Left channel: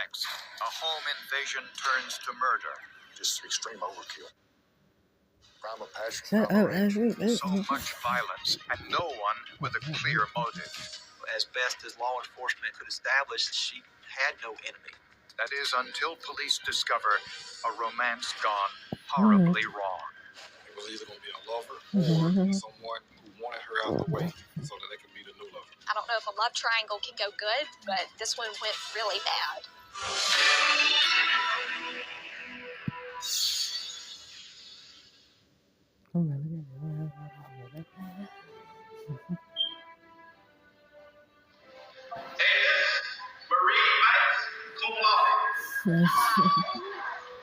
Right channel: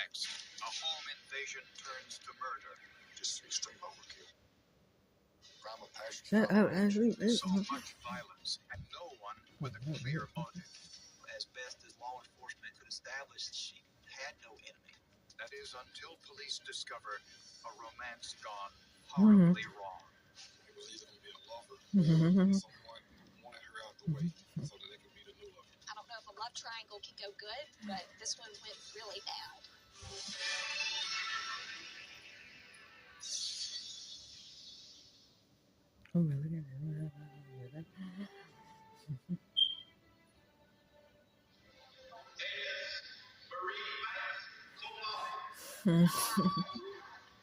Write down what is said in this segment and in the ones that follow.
Next, a home invasion turns to murder. Just extreme overkill. Crime of passion. So much violence and no one with a clear motive. As best as law enforcement could establish, she had no enemy. That is until police discover a romance gone horribly wrong. It was either going to be a lover or someone who wanted her out the way so that they could be the new lover. I don't know if a love triangle can go good, but this one went really bad.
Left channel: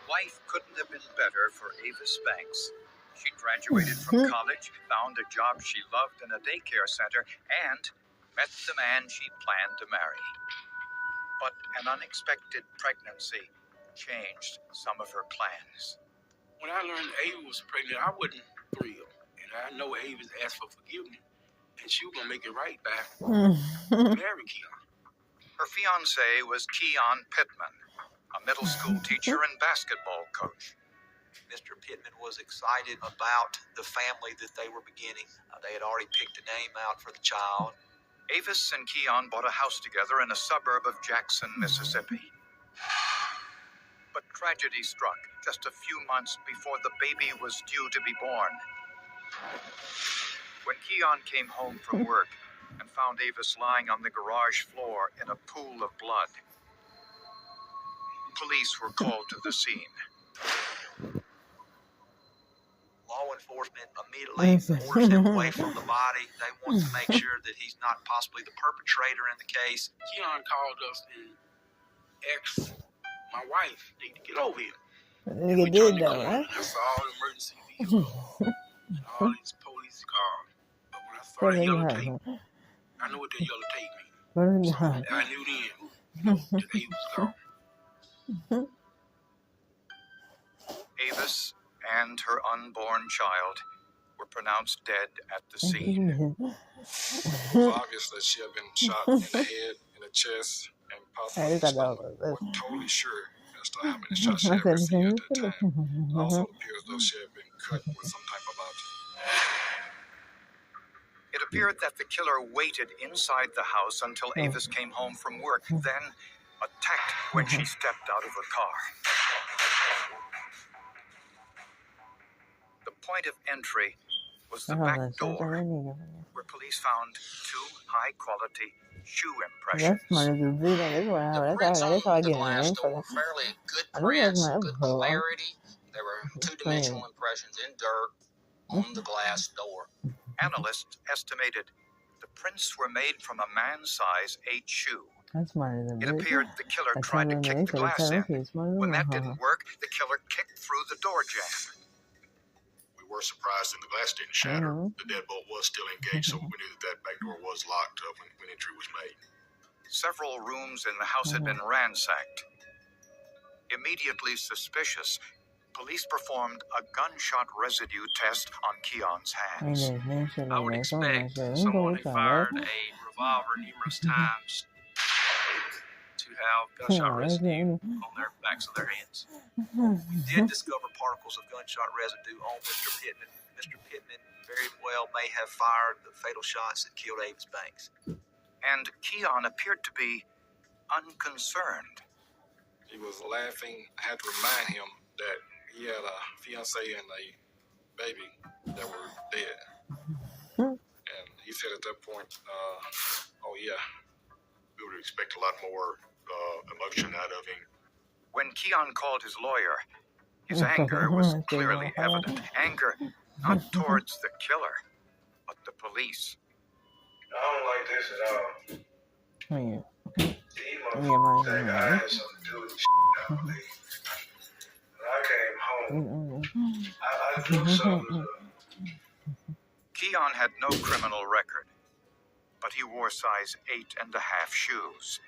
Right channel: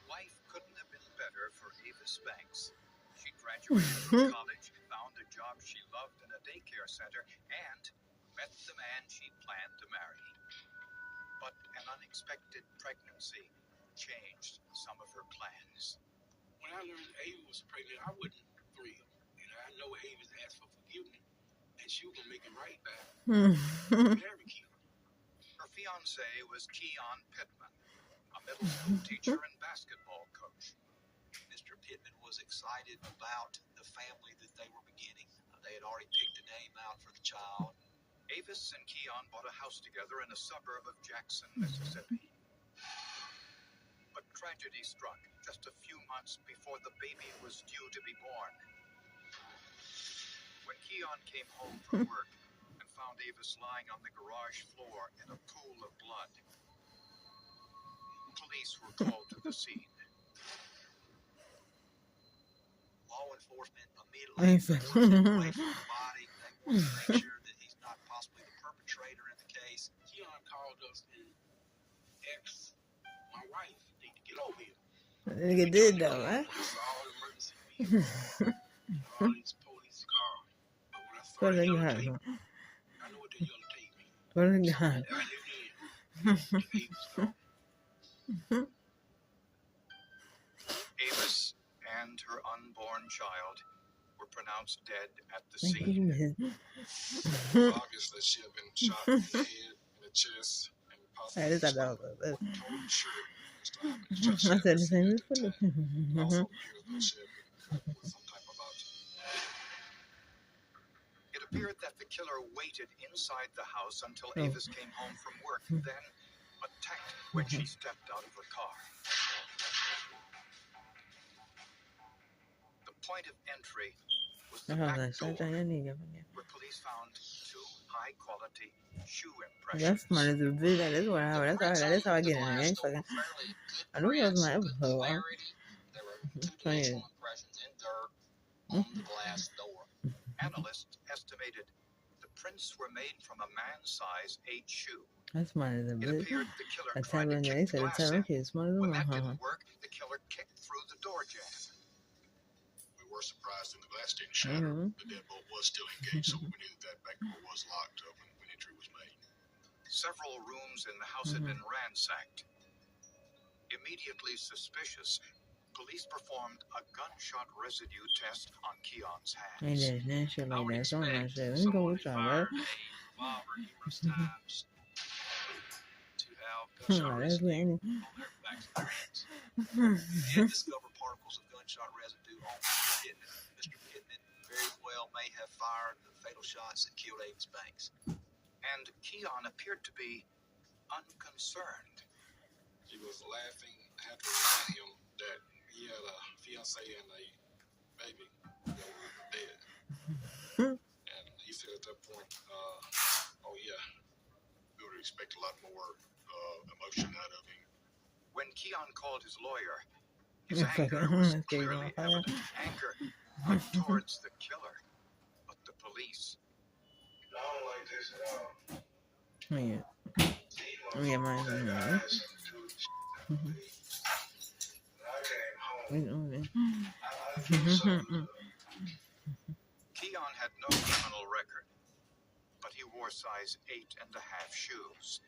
Life couldn't have been better for Avis Banks. She graduated from college, found a job she loved in a daycare center, and met the man she planned to marry. But an unexpected pregnancy changed some of her plans. When I learned Ava was pregnant, I wasn't thrilled. And I know Ava's asked for forgiveness, and she was going to make it right back. Marry Keon. Her fiancé was Keon Pittman, a middle school teacher and basketball coach. Mr. Pittman was excited about the family that they were beginning. They had already picked a name out for the child. Avis and Keon bought a house together in a suburb of Jackson, Mississippi. But tragedy struck just a few months before the baby was due to be born. When Keon came home from work and found Avis lying on the garage floor in a pool of blood, police were called to the scene. Law enforcement immediately ordered him away from the body. They want to make sure that he's not possibly the perpetrator in the case. Keon called us and asked my wife to get over here. Nigga did though, right? I saw all the emergency vehicles and all these police cars. But when I saw the yellow tape, I knew what the yellow tape means. I knew then that he was gone. Avis and her unborn child were pronounced dead at the scene. It was obvious that she had been shot in the head, in the chest, and possibly wasn't totally sure as to how many shots she had received at that time. It also appears though she had been cut with some type of object. It appeared that the killer waited inside the house until Avis came home from work, then attacked when she stepped out of her car. The point of entry was the back door, where police found 2 high-quality shoe impressions. That's my little video. That's how I get in there. Fairly good I know prints, that's my good episode. clarity. There were two-dimensional impressions in dirt on the glass door. Analysts estimated the prints were made from a man-size 8 shoe. That's my little It appeared the killer tried to kick the glass in. When that didn't work, the killer kicked through the door jamb. We were surprised that the glass didn't shatter. The deadbolt was still engaged, so we knew that back door was locked up when entry was made. Several rooms in the house had been ransacked. Immediately suspicious, police performed a gunshot residue test on Keon's hands. I would expect someone who fired a revolver numerous times to have gunshot residue on their backs of their hands. We did discover particles of gunshot residue on Mr. Pittman. Mr. Pittman very well may have fired the fatal shots that killed Avis Banks. And Keon appeared to be unconcerned. He was laughing. I had to remind him that he had a fiancé and a baby that were dead. And he said at that point, oh yeah, we would expect a lot more emotion out of him. When Keon called his lawyer, his anger was clearly evident. Anger not towards the killer, but the police. I don't like this at all. Yeah. I had something to do with the shit out of me. When I came home, I knew something. Keon had no criminal record, but he wore size 8.5 shoes.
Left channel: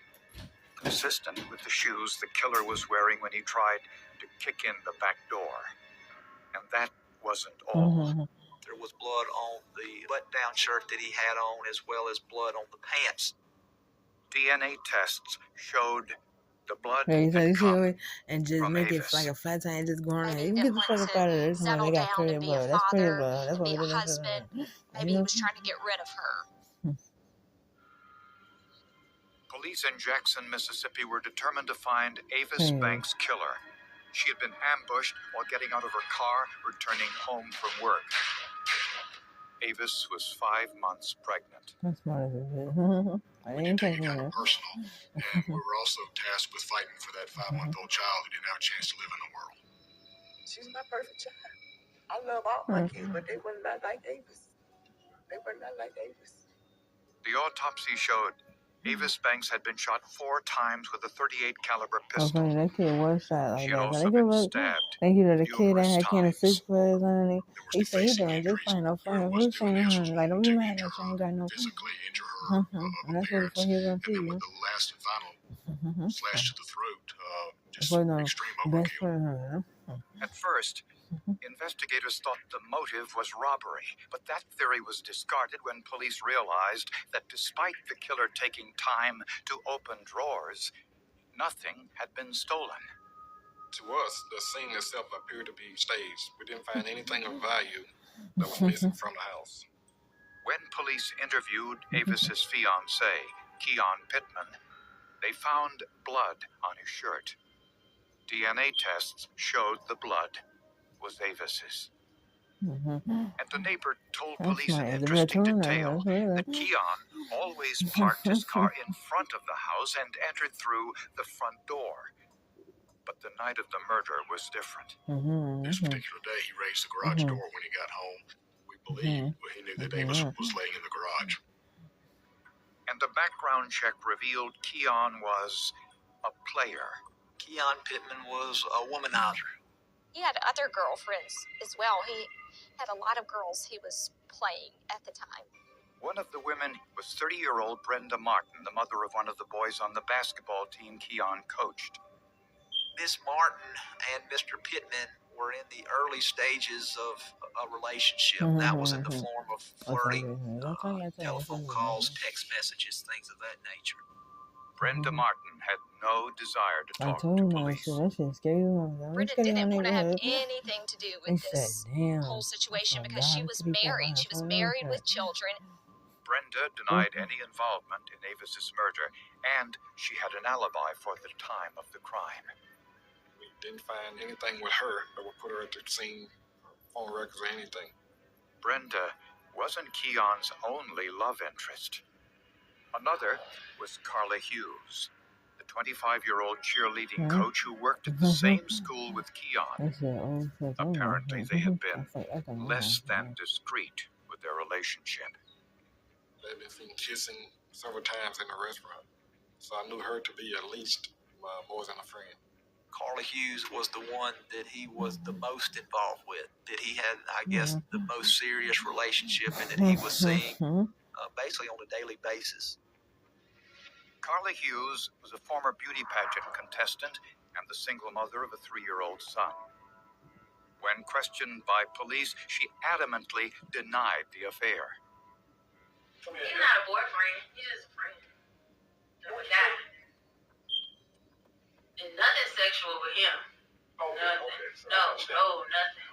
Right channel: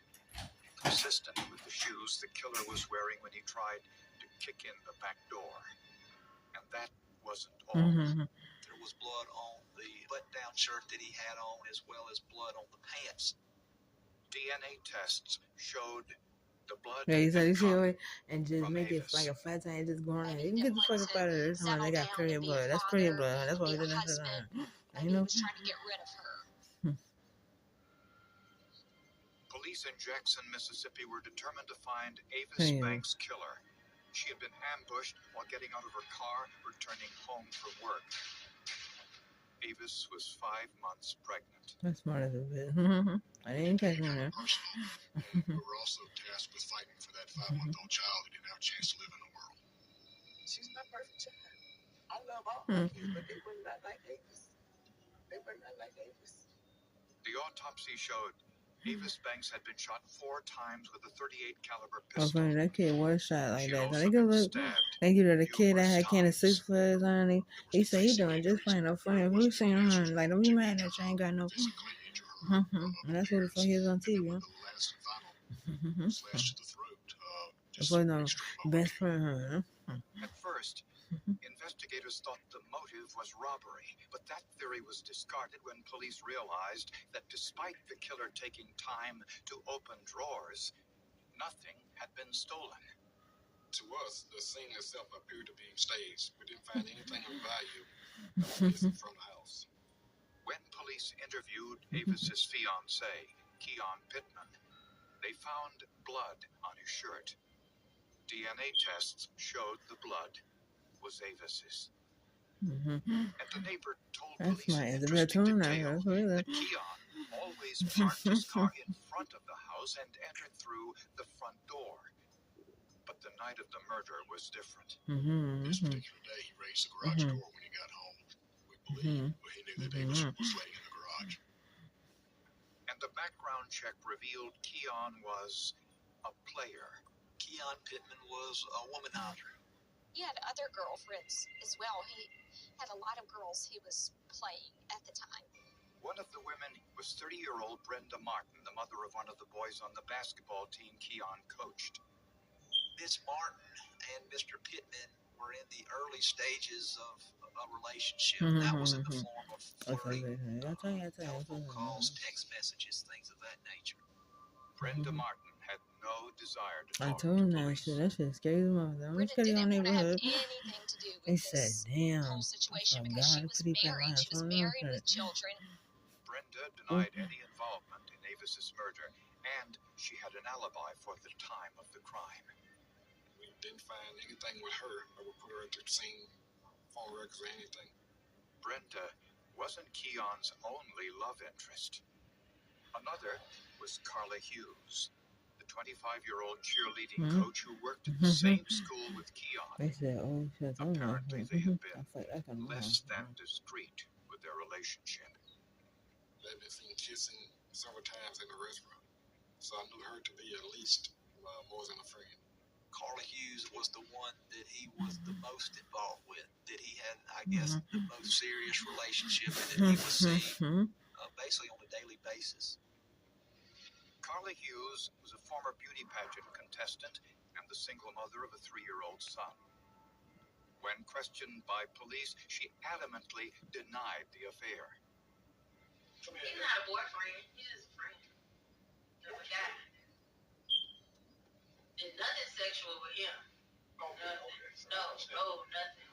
Consistent with the shoes the killer was wearing when he tried to kick in the back door. And that wasn't all. There was blood on the button-down shirt that he had on, as well as blood on the pants. DNA tests showed The blood Yeah, so had you see, come and just from make it Avis. like a flat tire, just going around. Maybe You can Vim get the fuck wanted up out of to there. Somebody, settle they got down period and be a blood. That's period father blood. That's and what be we a did that shit husband. on. Maybe he was trying to get rid of her. Police in Jackson, Mississippi were determined to find Avis Hey. Banks' killer. She had been ambushed while getting out of her car, returning home from work. Avis was 5 months pregnant. That's smart as a bitch. I We didn't did take take it kind one. of personal, and we were also tasked with fighting for that 5-month-old child who didn't have a chance to live in the world. She's my perfect child. I love all my kids, but they were not like Avis. They were not like Avis. The autopsy showed Avis Banks had been shot 4 times with a .38 caliber Oh, pistol. funny, that kid was shot like She that. had So also they been could look. stabbed Thank you to the kid that numerous had Can of times. 6 for his honey. There was He said he defacing doing just injuries. fine. No friend. It Who's wasn't saying doing her? his Like, don't be to mad injure that she ain't got her, no. physically injure her And that's what the fuck he was on and then TV. with the last and final slash to the throat, just But no, extreme best overkill. friend. At first, investigators thought the motive was robbery, but that theory was discarded when police realized that despite the killer taking time to open drawers, nothing had been stolen. To us, the scene itself appeared to be staged. We didn't find anything of value that was missing from the house. When police interviewed Avis's fiancé, Keon Pittman, they found blood on his shirt. DNA tests showed the blood was Avis's. And the neighbor told That's police my an the interesting tuna. detail That's really. that Keon always parked his car in front of the house and entered through the front door. But the night of the murder was different. This particular day, he raised the garage door when he got home. We believe he knew that Avis was laying in the garage. And the background check revealed Keon was a player. Keon Pittman was a womanizer. He had other girlfriends as well. He had a lot of girls he was playing at the time. One of the women was 30-year-old Brenda Martin, the mother of one of the boys on the basketball team Keon coached. Miss Martin and Mr. Pittman were in the early stages of a relationship. That was in the form of flirting, telephone calls, text messages, things of that nature. Brenda Martin had no desire to I talk told to him that police. shit. That shit scared him off. Brenda didn't want to have anything to do They with said, this damn. whole situation Oh, because she God, was to be married. quiet. She was Hold on, married okay. with children. Brenda denied any involvement in Avis's murder, and she had an alibi for the time of the crime. We didn't find anything with her that would put her at the scene, phone records or anything. Brenda wasn't Keon's only love interest. Another was Carla Hughes, the 25-year-old cheerleading coach who worked at the same school with Keon. They said, oh, shit. Apparently, they had been less than discreet with their relationship. They've been seen kissing several times in the restaurant, so I knew her to be at least more than a friend. Carla Hughes was the one that he was the most involved with, that he had, I guess, the most serious relationship and that he was seeing basically on a daily basis. Carla Hughes was a former beauty pageant contestant and the single mother of a 3-year-old son. When questioned by police, she adamantly denied the affair. He's not a boyfriend. He's just a friend. Of a guy. And nothing sexual with him. Nothing. No, nothing.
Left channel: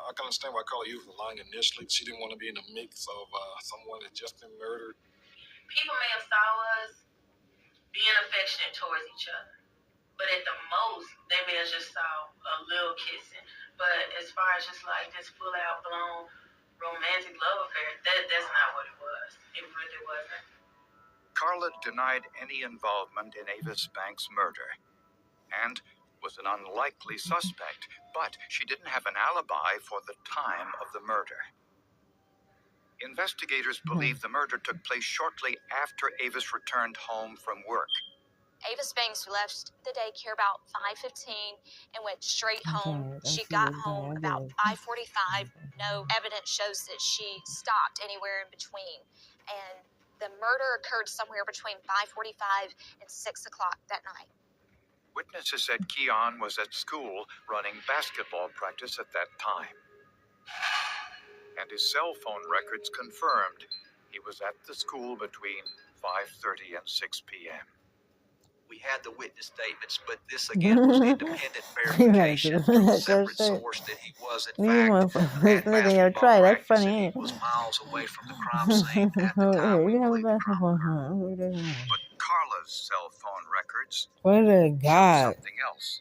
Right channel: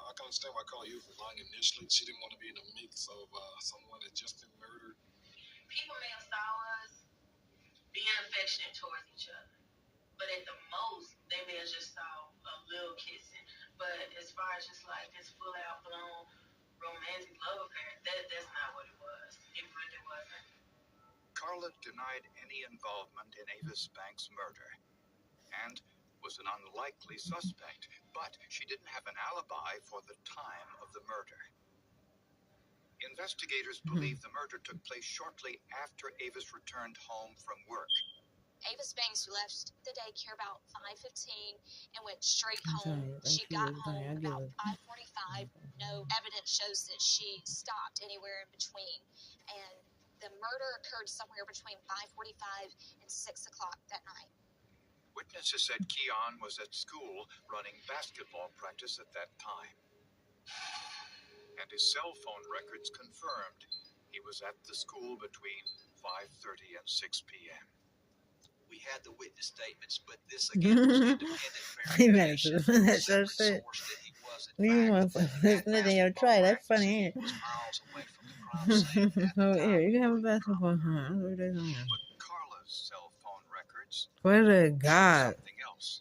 I can understand why Carla Hughes was lying initially. She didn't want to be in the mix of someone that just been murdered. People may have saw us being affectionate towards each other. But at the most, they may have just saw a little kissing. But as far as just like this full out blown romantic love affair, that's not what it was. It really wasn't. Carla denied any involvement in Avis Banks' murder and was an unlikely suspect, but she didn't have an alibi for the time of the murder. Investigators believe the murder took place shortly after Avis returned home from work. Avis Banks left the daycare about 5:15 and went straight home. She got home about 5:45. No evidence shows that she stopped anywhere in between. And the murder occurred somewhere between 5:45 and 6 o'clock that night. Witnesses said Keon was at school running basketball practice at that time. And his cell phone records confirmed he was at the school between 5:30 and 6 p.m. We had the witness statements, but this again was independent verification from a separate source that he was in fact at basketball practice and he was miles away from the crime scene at the time. We believe But Carla's cell phone records What a show god. something else.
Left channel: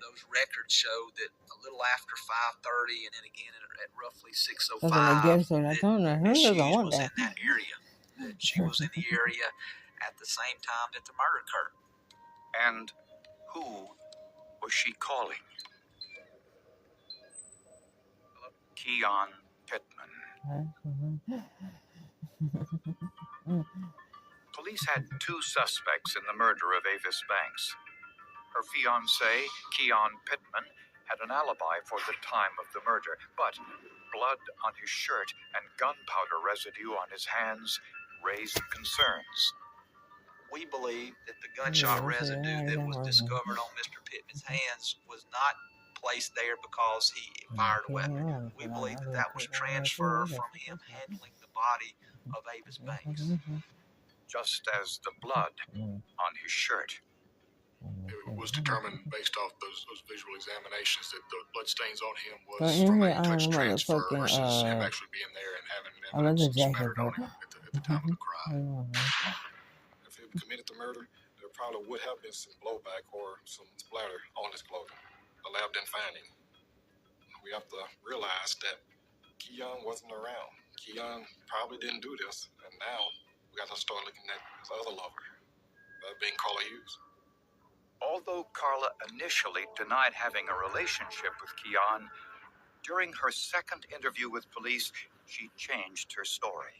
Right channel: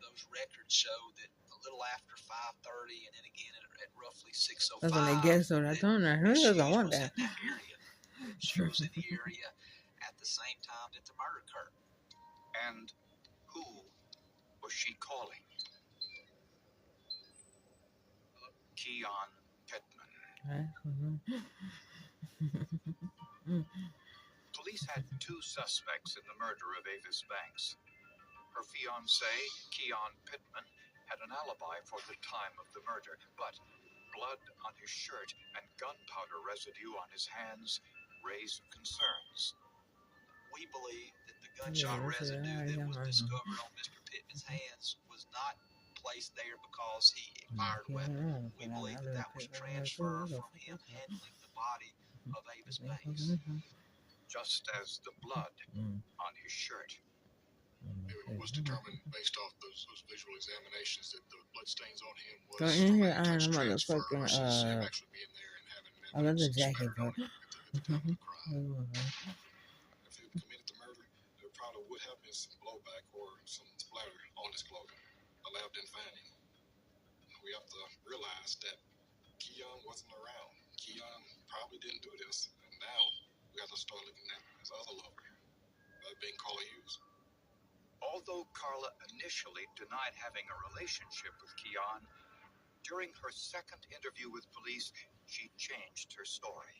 those records show that a little after 5:30 and then again at roughly 6:05 That's what I guess so. I that told her, Miss who Hughes doesn't want was in that? that area. She was in the area at the same time that the murder occurred. And who was she calling? Keon Pittman. Police had two suspects in the murder of Avis Banks. Her fiancé, Keon Pittman, had an alibi for the time of the murder, but blood on his shirt and gunpowder residue on his hands raised concerns. We believe that the gunshot residue that was discovered on Mr. Pittman's hands was not placed there because he fired a weapon. We believe that that was transfer from him handling the body of Avis Banks. Just as the blood on his shirt. It was determined based off those visual examinations that the bloodstains on him was Go in from here, a touch I'm transfer motherfucking, versus him actually being there and having I love the evidence jacket, spattered on though. him at the time of the crime. If he committed the murder, there probably would have been some blowback or some splatter on his clothing. The lab didn't find any. We have to realize that Keon wasn't around. Keon probably didn't do this, and now we got to start looking at his other lover, that being Carla Hughes. Although Carla initially denied having a relationship with Keon, during her second interview with police, she changed her story.